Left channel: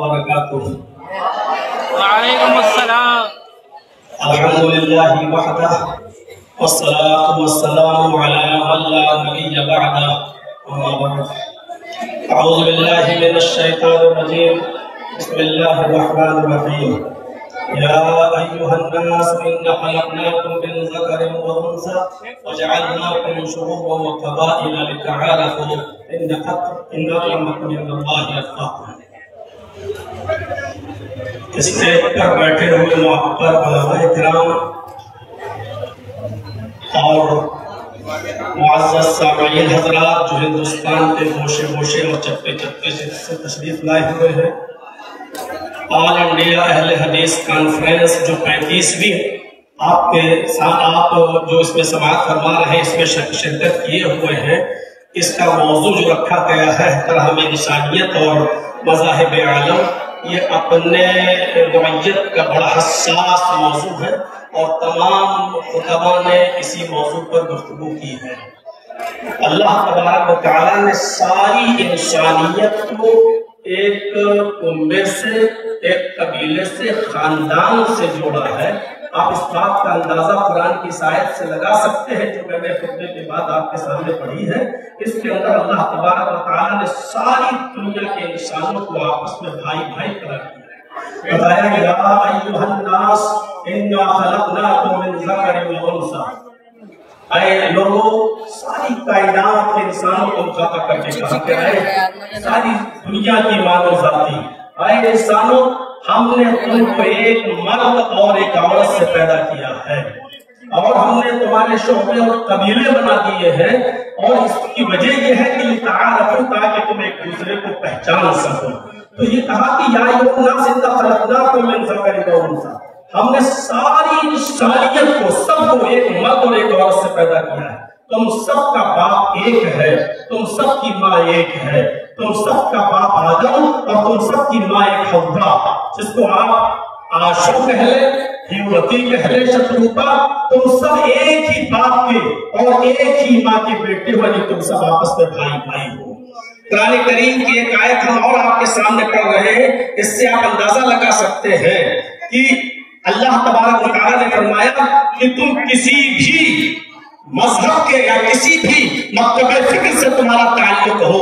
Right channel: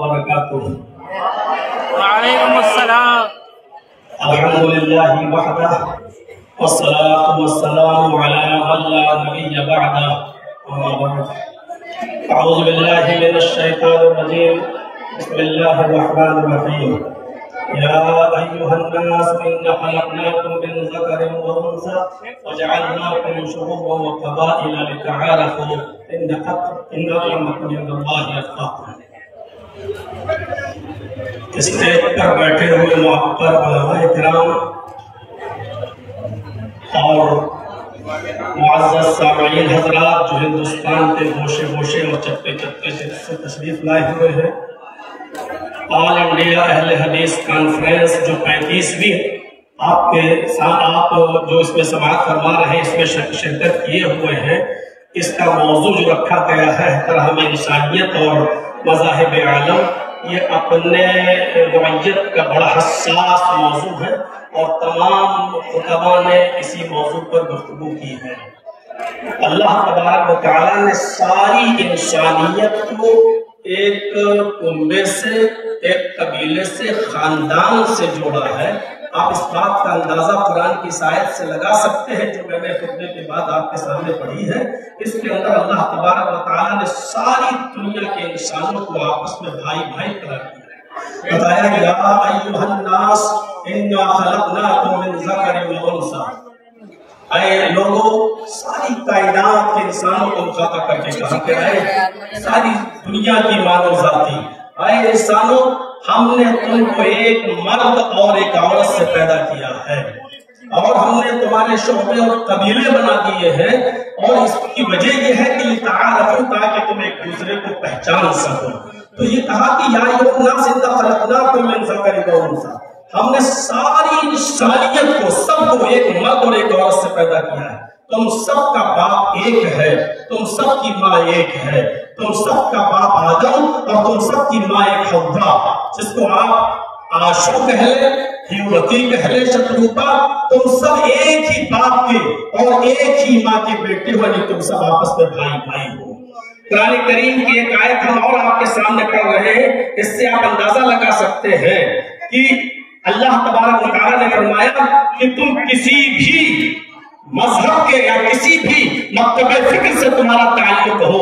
وبركاته. وعليكم السلام. الحمد لله وحده والصلاة والسلام على من لا نبي بعده. أما بعد أعوذ بالله من الشيطان الرجيم. بسم الله الرحمن الرحيم. يا أيها الناس إنا خلقناكم من ذكر وأنثى وجعلناكم شعوبا وقبائل لتعارفوا إن أكرمكم عند الله أتقاكم. اسٹیج پر بیٹھے ہوئے محترم علماء کرام اور معزز سامعین حضرات جو ہندوستان کے گوشے گوشے اور چپے چپے سے تشریف لائے ہوئے ہیں، آل انڈیا اہل حدیث کانفرنس جو 35ویں آپ جو اس میں سماعت فرما رہے ہیں، اس میں شرکت کیے ہوئے ہیں، اس کا موضوع جو رکھا گیا ہے احترام انسانیت اور مذاہب عالم، یہ اپنے نوعیت کا بڑا حساس موضوع ہے اور تمام علماء نے اسی موضوع پر گفتگو کی ہے۔ اللہ تبارک و تعالیٰ نے ساری انسانیت کو ایک کنبے سے، ایک قبیلے سے، خاندان سے جوڑا ہے۔ آپ اس بات کا اندازہ قرآن کی آیت سے لگا سکتے ہیں جو میں نے خطبے کے بعد آپ کے سامنے پڑھی ہے۔ اس کے اندر اللہ تبارک و تعالیٰ نے ساری دنیا کے انسانوں کو آپس میں بھائی بھائی قرار دیا ہے۔ بتایا کہ یا ایھا الناس انا خلقناکم من ذکر و انثی، اے لوگوں، ساری کائنات کے انسانوں کو مخاطب کر کے کہا گیا ہے، ساری دنیا کی مانو ذاتی، اے انسانوں، ہم نے تم کو ایک مرد اور ایک عورت سے پیدا کیا ہے اور ہم نے تمہارے شعبے اور قبیلے بنا دیے ہیں، اور اس کی وجہ یہ ہے کہ تعارفوا، تاکہ تم ایک دوسرے کو پہچان سکو۔ تو یہ کہا کہ یا ایھا الناس انا خلقناکم من ذکر و انثی، ہم نے ساری انسانیت کو، سب کو ایک مرد اور ایک عورت سے پیدا کیا ہے۔ تم سب کا باپ ایک ہے، تم سب کی ماں ایک ہے، تم سب کا باپ آدم اور تم سب کی ماں ایک حوا، جس کو آپ آشو کہہ لیں، ہیوتی کہہ لیں، شتروپا، تم سب ایک ہی باپ کے اور ایک ہی ماں کے بیٹے ہو، لیکن تم سب آپس میں بھائی بھائی ہو۔ قرآن کریم کی ایک آیت ہم اور آپ کے سامنے پڑھ رہے ہیں، اس سے آپ اندازہ لگا سکتے ہیں کہ اللہ تبارک و تعالیٰ نے فرمایا کہ تم کسی بھی مذہب کے یا کسی بھی مکتب فکر سے تمہارا تعلق ہو،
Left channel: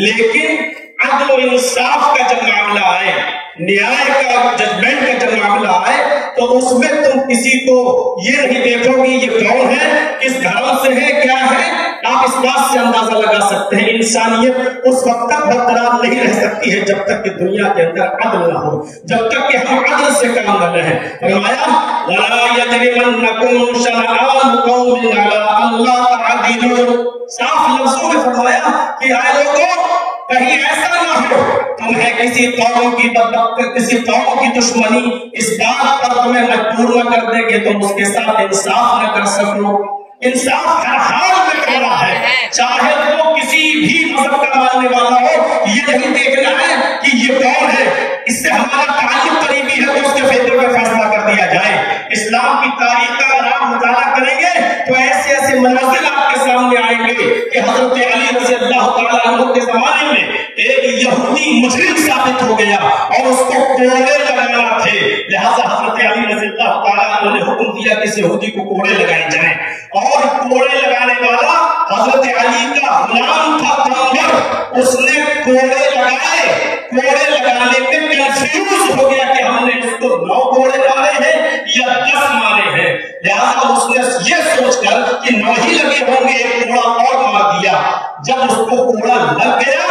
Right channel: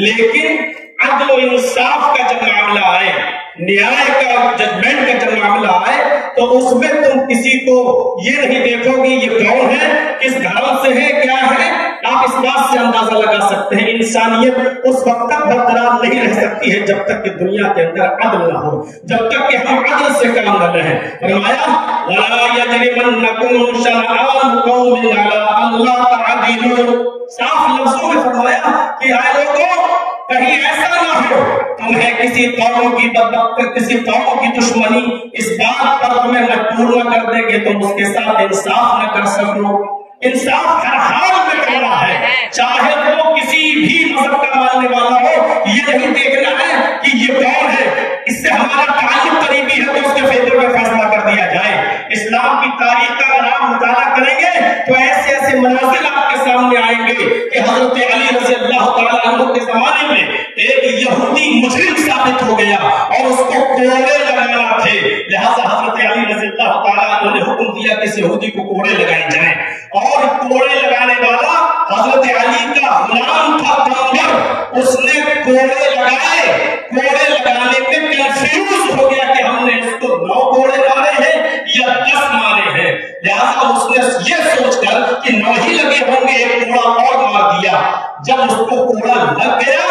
لیکن عدل و انصاف کا جب معاملہ آئے، نیائے کا ججمنٹ کا جب معاملہ آئے، تو اس میں تم کسی کو یہ نہیں دیکھو کہ یہ کون ہے، کس دھرم سے ہے، کیا ہے۔ آپ اس بات سے اندازہ لگا سکتے ہیں انسانیت اس وقت تک برقرار نہیں رہ سکتی ہے جب تک کہ دنیا کے اندر عدل نہ ہو، جب تک کہ ہم عدل سے کام نہ لیں۔ فرمایا وَلَا يَجْرِمَنَّكُمْ شَنَآنُ قَوْمٍ عَلَىٰ أَلَّا تَعْدِلُوا، صاف لفظوں میں فرمایا کہ اے لوگوں، کہیں ایسا نہ ہو تمہیں کسی قوم کی بدبختی، کسی قوم کی دشمنی اس بات پر تمہیں مجبور نہ کر دے کہ تم اس کے ساتھ انصاف نہ کر سکو۔ انصاف ہر حال میں کرنا ہے، چاہے وہ کسی بھی مذہب کا ماننے والا ہو، یہ نہیں دیکھنا ہے کہ یہ کون ہے، اس سے ہمارا تعلق قریبی ہے تو اس کے فیصلے میں فیصلہ کر دیا جائے۔ اسلام کی تاریخ کا اگر آپ مطالعہ کریں گے تو ایسے ایسے مناظر آپ کے سامنے آئیں گے کہ حضرت علی رضی اللہ تعالیٰ عنہ کے زمانے میں ایک یہودی مجرم ثابت ہو گیا اور اس کو کوڑے لگانا تھے، لہذا حضرت علی رضی اللہ تعالیٰ عنہ نے حکم دیا کہ اس یہودی کو کوڑے لگائے جائیں، اور کوڑے لگانے والا حضرت علی کا غلام تھا کامر، اس نے کوڑے لگائے، کوڑے لگانے میں کنفیوز ہو گیا کہ ہم نے اس کو 9 کوڑے مارے ہیں یا 10 مارے ہیں، لہذا اس نے یہ سوچ کر کہ 9 ہی لگے ہوں گے ایک کوڑا اور مار دیا۔ جب اس کو کوڑا لگ گیا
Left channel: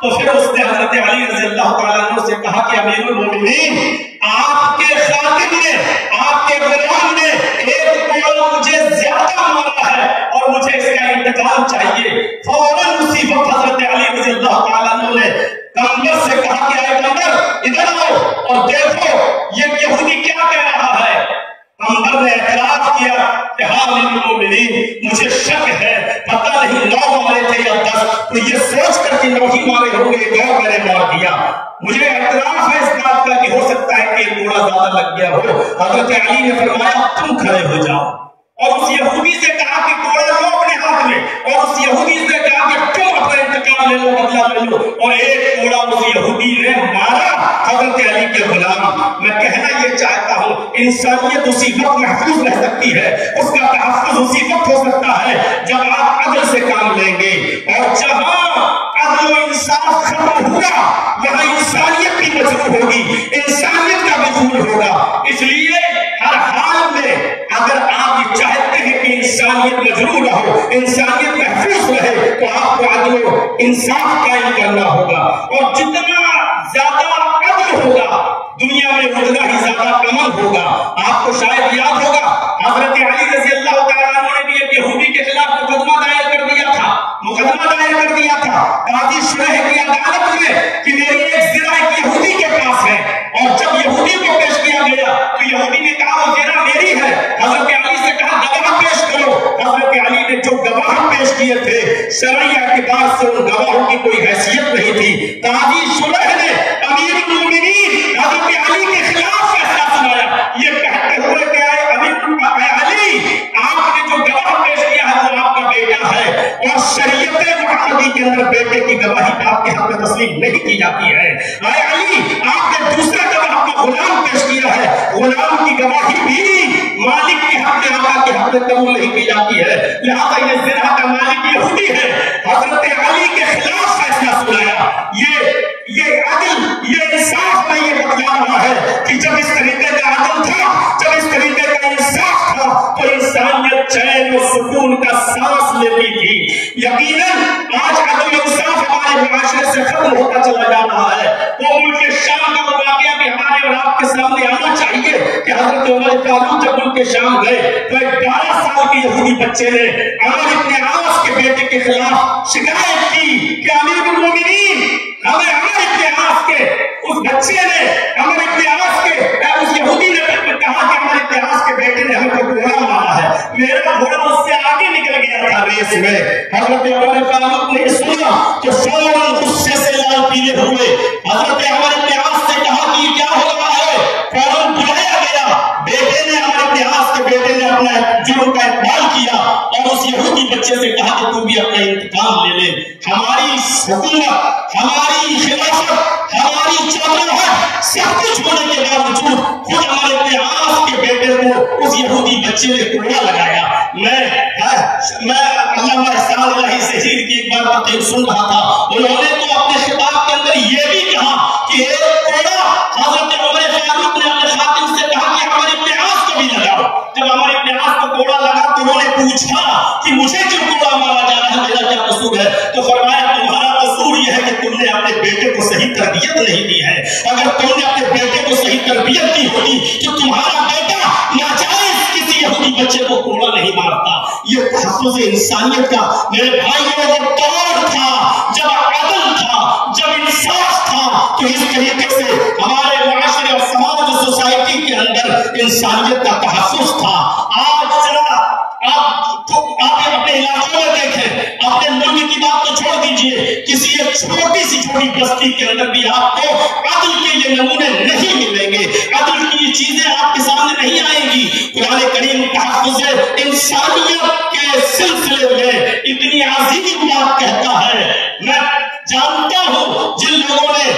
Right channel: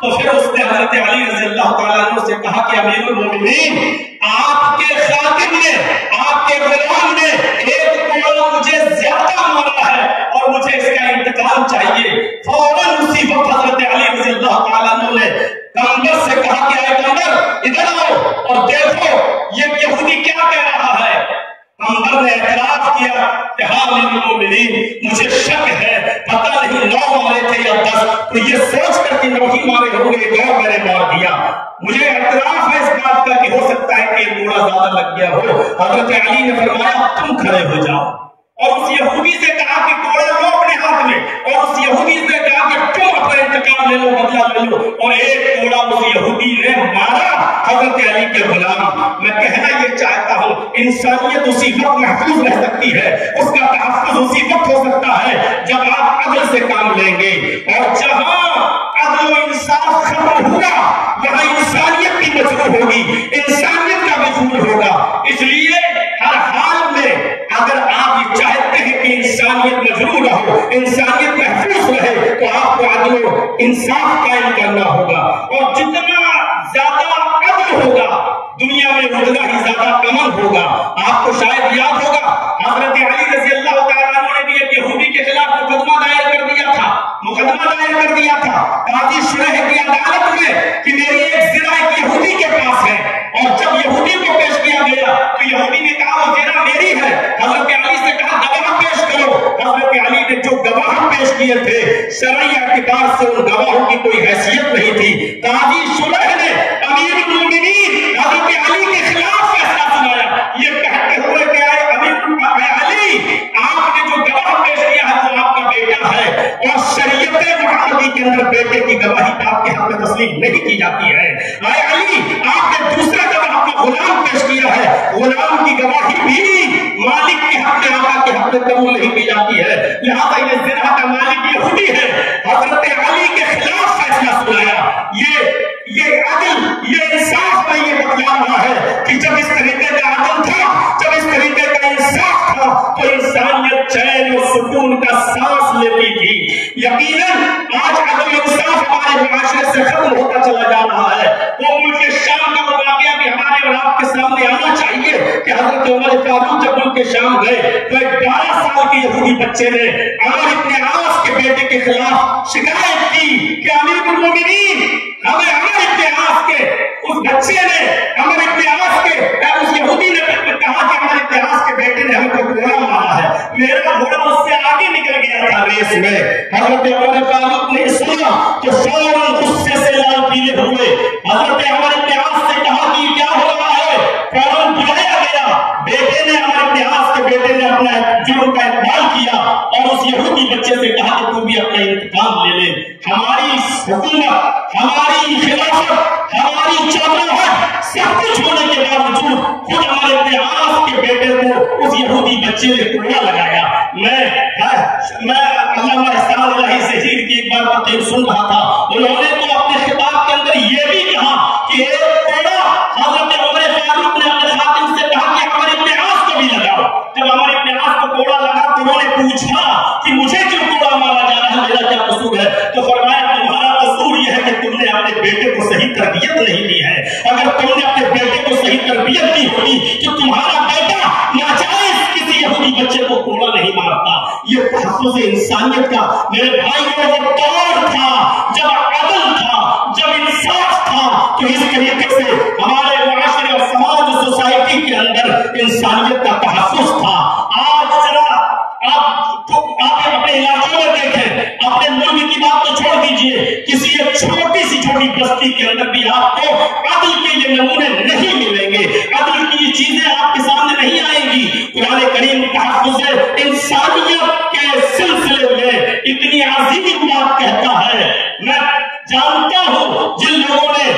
تو پھر اس نے حضرت علی رضی اللہ تعالیٰ عنہ سے کہا کہ امیر المومنین، آپ کے خاتم نے، آپ کے غلام نے ایک کوڑا مجھے زیادہ مارا ہے اور مجھے اس کا انتقام چاہیے۔ فوراً اسی وقت حضرت علی رضی اللہ تعالیٰ عنہ نے کامر سے کہا کہ اے کامر ادھر آؤ اور دیکھو یہ یہودی کیا کہہ رہا ہے۔ کامر نے اعتراف کیا کہ ہاں امیر المومنین، مجھے شک ہے، پتہ نہیں 9 مارے تھے یا 10، تو یہ سوچ کر کہ 9 ہی مارے ہوں گے، 9 میں نے مار دیا۔ مجھے اعتراف ہے اس بات کا کہ ہو سکتا ہے کہ کوڑا زیادہ لگ گیا ہو۔ حضرت علی نے فرمایا تم کھڑے ہو جاؤ، اور اس یہودی سے کہا کہ کوڑا لو اپنے ہاتھ میں، اور اس یہودی سے کہا کہ تم اپنا انتقام لے لو، بدلہ لے لو، اور ایک کوڑا اس یہودی نے مارا۔ حضرت حضرت علی کے غلام، میں کہنا یہ چاہتا ہوں انسانیت اسی وقت محفوظ رہ سکتی ہے، اس کا تحفظ اسی وقت ہو سکتا ہے جب آپ عدل سے کام لیں گے، اور جہاں عدل و انصاف ختم ہوا وہاں انسانیت کی مجبور ہوگی، انسانیت کا مجبور ہوگا۔ اس لیے ہر حال میں اگر آپ یہ چاہتے ہیں کہ انسانیت مجبور رہو، انسانیت محفوظ رہے، تو آپ کو عدل و انصاف قائم کرنا ہوگا، اور جتنا زیادہ عدل ہوگا دنیا میں اتنا ہی زیادہ امن ہوگا۔ آپ کو شاید یاد ہوگا حضرت علی رضی اللہ تعالیٰ عنہ نے بھی ایک یہودی کے خلاف مقدمہ دائر کر دیا تھا، قاضی شریح کی عدالت میں کہ میری ایک زنا ایک یہودی کے پاس ہے، اور جب یہودی کو پیش کیا گیا تو یہودی نے کہا وہ زنا میری ہے، حضرت علی سے کہا گواہ پیش کرو، حضرت علی نے جو گواہ پیش کیے تھے شرعی اعتبار سے ان گواہوں کی کوئی حیثیت نہیں تھی، قاضی شریح نے امیر المومنین حضرت علی کے خلاف فیصلہ سنایا، یہ کہتے ہوئے کہ اے امیر علی، آپ نے جو گواہ پیش کیا ہے وہ آپ کا بیٹا ہے، اور شریعت محمدی کے اندر بیٹے کی گواہی آپ کے حق میں تسلیم نہیں کی جاتی ہے۔ اے علی، آپ نے دوسرا گواہ کا غلام پیش کیا ہے، غلام کی گواہی بھی مالک کے حق میں آقا کے حق میں قبول نہیں کی جاتی ہے، لہذا یہ زنا کا مالک یہودی ہے۔ حضرت علی کے خلاف فیصلہ سنایا، یہ عدل، یہ انصاف میں یہ بتلا رہا ہے کہ جب اس طریقے کا عدل تھا، جب اس طریقے کا انصاف تھا تو انسانیت چین و سکون کا سانس لیتی تھی۔ یقیناً آج عدل انصاف ہمارے معاشرے سے ختم ہوتا چلا جا رہا ہے۔ وہ ملک شام کا واقعہ بھی ہمارے اور آپ کے سامنے آنا چاہیے کہ حضرت عمر فاروق جب ملک شام گئے تو ایک 12 سال کے یہودی بچے نے عمر ابن عاص کے بیٹے کے خلاف شکایت کی کہ امیر المومنین، ہمیں عمر ابن عاص کے اس بچے نے، عمر ابن عاص کے اس یہودی نے کہا کہ عمر ابن عاص کے بیٹے نے ہم کو گھوڑا مارا ہے، میرا گھوڑا اس سے آگے نکل گیا تھا ریس میں۔ حضرت عمر فاروق نے سنا کہ فوراً غصے سے لال پیلے ہوئے حضرت عمر ابن عاص سے کہا کہ کیا ہو رہا ہے، فوراً بلایا گیا، بیٹے نے عمر ابن عاص کے بیٹے نے اپنا جرم کا اقرار کیا اور اس یہودی بچے سے کہا کہ تو بھی اپنا انتقام لے لے، ہماری حکومت، ہماری خلافت، ہماری چادرات سب کچھ ہونے کے باوجود خود عمر ابن عاص کے بیٹے کو اس یہودی بچے نے کوڑا لگایا۔ میں علامہ احسان اللہ شہید کی ایک بات سن رہا تھا، انہوں نے تو اپنے خطاب کے اندر یہ بھی کہا کہ ایک کوڑا حضرت عمر فاروق نے اپنے خادم سے کہا کہ عمر ابن عاص کو بھی لگاؤ۔ جب عمر ابن عاص کو کوڑا لگا تو انہوں نے پوچھا کہ مجھے کیوں کوڑا مارا جا رہا ہے، میرا کیا قصور ہے؟ تو فرمایا تمہارا قصور یہ ہے کہ تم نے اپنے بیٹے کو صحیح تربیت نہیں دی ہے، اگر تم نے اپنے بیٹے کو صحیح تربیت دی ہوتی تو تمہارا بیٹا ناجائز کسی یہودی بچے کو کوڑا نہیں مارتا۔ یہ تحفظ انسانیت کا میرے بھائیوں وہ دور تھا جب عدل تھا، جب انصاف تھا، تو اس طریقے سے ہمارے معاشرے اور سماج اور سوسائٹی کے اندر انسانیت کا تحفظ تھا۔ آج ذرا آپ اپنے علاقوں میں دیکھیں، اپنے ملک کی بات تو چھوڑ دیجئے، کسی ایک چھوٹی بستی کے اندر بھی آپ کو عدل کے یہ نمونے نہیں ملیں گے، عدل کی یہ چیزیں آپ کے سامنے نہیں آئیں گی۔ قرآن کریم تحفظ انسانیت کے سلسلے میں اتنی عظیم بات کہتا ہے۔ میں جانتا ہوں جن لوگوں نے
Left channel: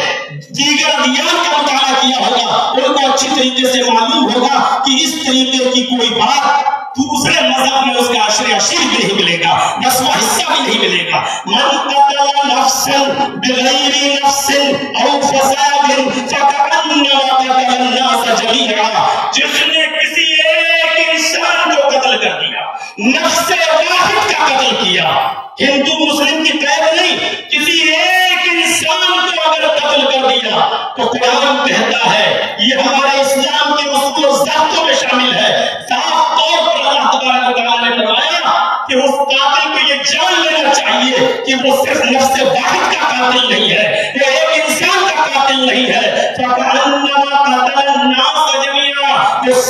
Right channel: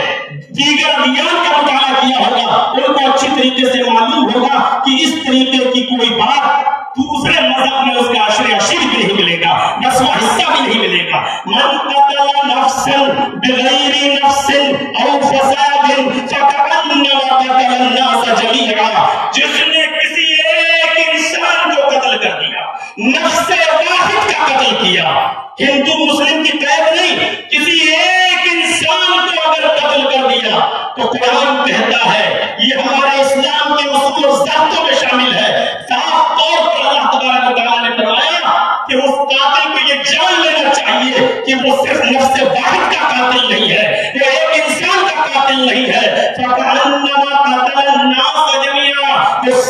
دیگر ادیان کا مطالعہ کیا ہوگا ان کو اچھی طریقے سے معلوم ہوگا کہ اس طریقے کی کوئی بات دوسرے مذہب میں اس کا عشر عشیر نہیں ملے گا، 10واں حصہ بھی نہیں ملے گا۔ من قتل نفسا بغیر نفس او فساد فکأنما قتل الناس جميعا، جس نے کسی ایک انسان کو قتل کر دیا، نفس واحد کا قتل کیا، ہندو مسلم کی قید نہیں، کسی ایک انسان کو اگر قتل کر دیا تو قرآن کہتا ہے، یہ ہمارے اسلام کے اصول و ضابطوں میں شامل ہے، صاف طور پر اللہ تبارک و تعالیٰ نے فرمایا کہ اس قاتل کو یہ جان لینا چاہیے کہ وہ صرف نفس واحد کا قاتل نہیں ہے، وہ ایک انسان کا قاتل نہیں ہے، فَكَأَنَّمَا قَتَلَ النَّاسَ جَمِيعًا، وہ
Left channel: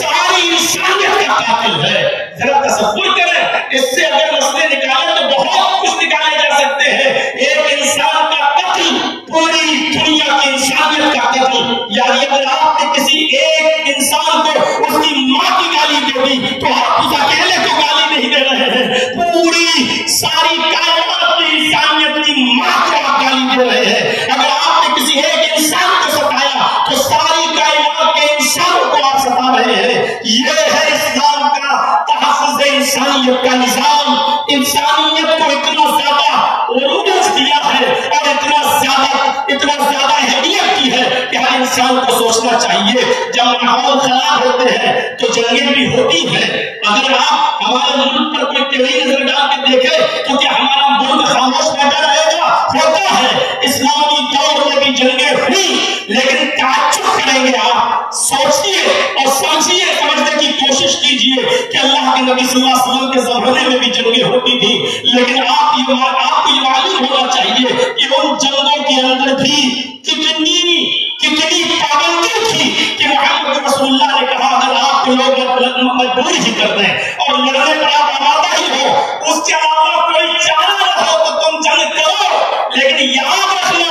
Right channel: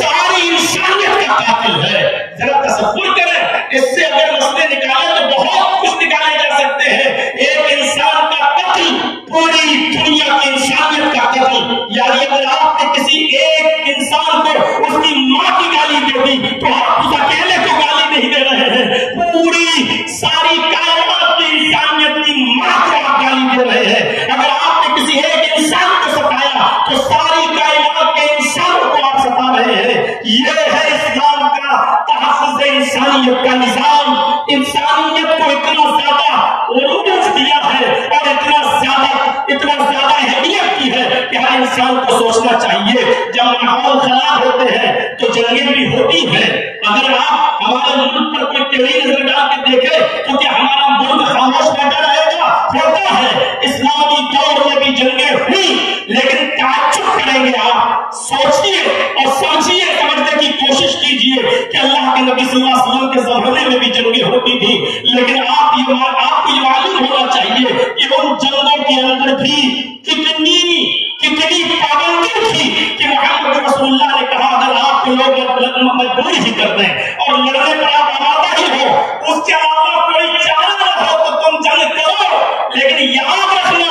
جب ماحول خراب ہوتے ہیں تو جنگیں بھی ہوتی ہیں. اگر آپ ہمارے ملک پر کوئی ٹیڑھی نظر ڈال کے دیکھیں تو کیا ہمارا ملک خاموش بیٹھا رہے گا؟ ہوتا ہے. اسلامی دور میں بھی جنگیں ہوئی، لیکن تعجب کریں گے آپ، سوچیے اور سمجھیے، سمجھنے کی کوشش کیجیے کہ اللہ کے نبی صلی اللہ علیہ وسلم کے زمانے میں بھی جنگیں ہوتی تھی، لیکن آپ کو یہ معلوم ہونا چاہیے کہ ان جنگوں کے اندر بھی کتنی پابندی تھی کہ محمد رسول اللہ نے کہا اگر آپ کو لوگ مجبور ہی کر دیں اور لڑنے پر آپ آمادہ ہی ہو، اس کے علاوہ کوئی چارہ نہ ہو تو تم جنگ کرو، لیکن یاد رکھنا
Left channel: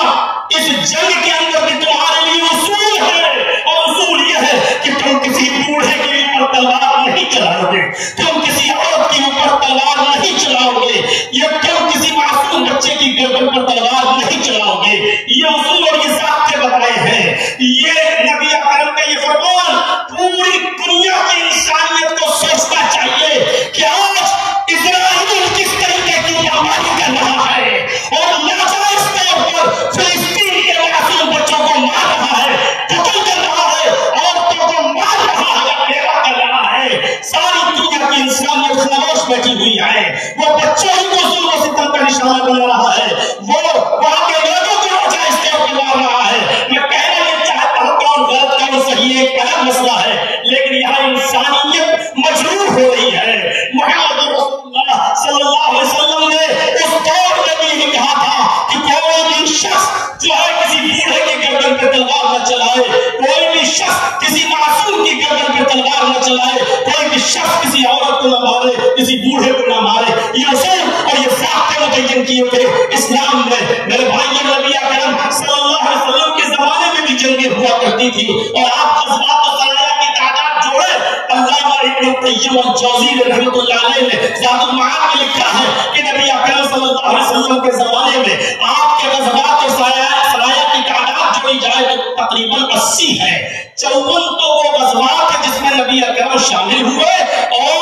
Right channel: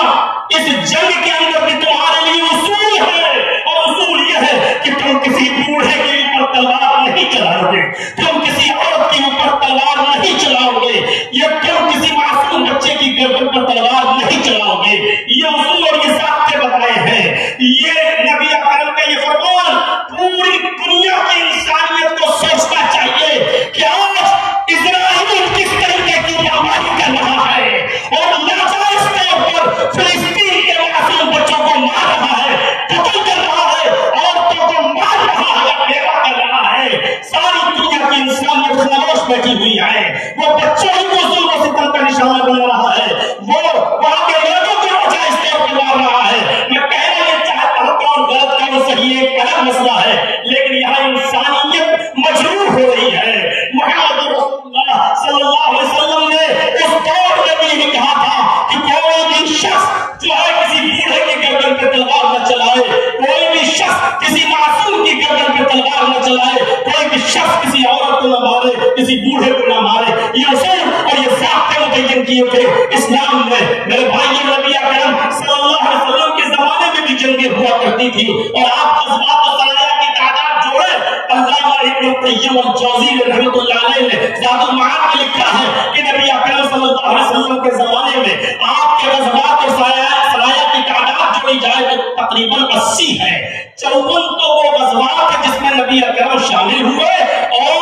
اس جنگ کے اندر بھی تمہارے لیے اصول ہے، اور اصول یہ ہے کہ تم کسی بوڑھے کے اوپر تلوار نہیں چلاؤ گے، تم کسی عورت کے اوپر تلوار نہیں چلاؤ گے، یہ تم کسی معصوم بچے کی گردن پر تلوار نہیں چلاؤ گے. یہ اصول اور یہ ضابطے بتائے ہیں. یہ نبی اکرم کا یہ فرمان پوری دنیا کی انسانیت کو سوچنا چاہیے کہ آج اسرائیل کس طریقے کی بمباری کر رہا ہے اور ناجائز طور پر فلسطین کے معصوم بچوں کو مار رہا ہے، قتل کر رہا ہے، عورتوں کو مار رہا ہے، بیوہ کر رہا ہے. ساری دنیا کی انسانیت خاموش بیٹھی ہوئی ہے. وہ بچوں ہی کو ظلم و ستم کا نشانہ بنا رہا ہے، وہ وہاں کے لوگوں کو ناجائز طور پر مار رہا ہے. میں کہنا نہیں چاہتا ہوں کون غلط ہے وہ صحیح ہے، ایک الگ مسئلہ ہے، لیکن یہاں انسانیت مجروح ہو رہی ہے. محمد رسول اللہ صلی اللہ علیہ وسلم نے اس دور میں بھی یہ کہا تھا کہ کوئی بھی شخص جو ہے کسی بوڑھے کی گردن پہ تلوار نہ چلائے، کوئی بھی شخص کسی معصوم کی گردن پہ تلوار نہ چلائے، کوئی بھی شخص کسی عورت کو نہ مارے، کسی بوڑھے کو نہ مارے. یہ اصول اور یہ ضابطے متعین کیے تھے اسلام نے. میرے بھائیوں، نبی اکرم صلی اللہ علیہ وسلم کے زمانے میں بھی جنگیں ہوا کرتی تھی، اور آپ غزوات و سرایا کی تعداد جوڑے. علامہ ابن قیم الجوزی رحمۃ اللہ علیہ نے زاد المعاد میں لکھا ہے کہ نبی اکرم صلی اللہ علیہ وسلم کے زمانے میں آپ کے غزوات و سرایا کی تعداد جوڑی جائے تو تقریباً 80 ہے. 54 تو وہ غزوات ہیں جس میں نبی اکرم شامل ہوئے، اور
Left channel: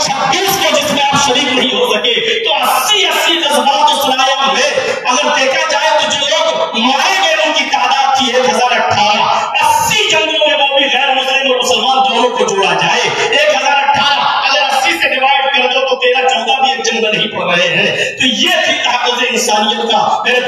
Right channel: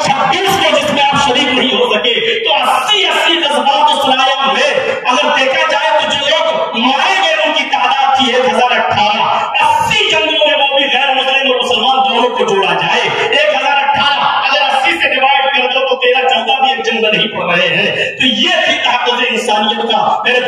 26 کو جس میں آپ شریک نہیں ہو سکے. تو 80 غزوات و سرایا میں اگر دیکھا جائے تو جو لوگ مارے گئے ان کی تعداد تھی 1018. 80 جنگوں میں وہ بھی غیر مسلم اور مسلمان دونوں کو جوڑا جائے 1018. اگر 80 سے ڈیوائڈ کر دو تو 13-14 بھی ایک جنگ نہیں پڑ رہے ہیں. تو یہ تھی طاقت انسانیت کا. میرے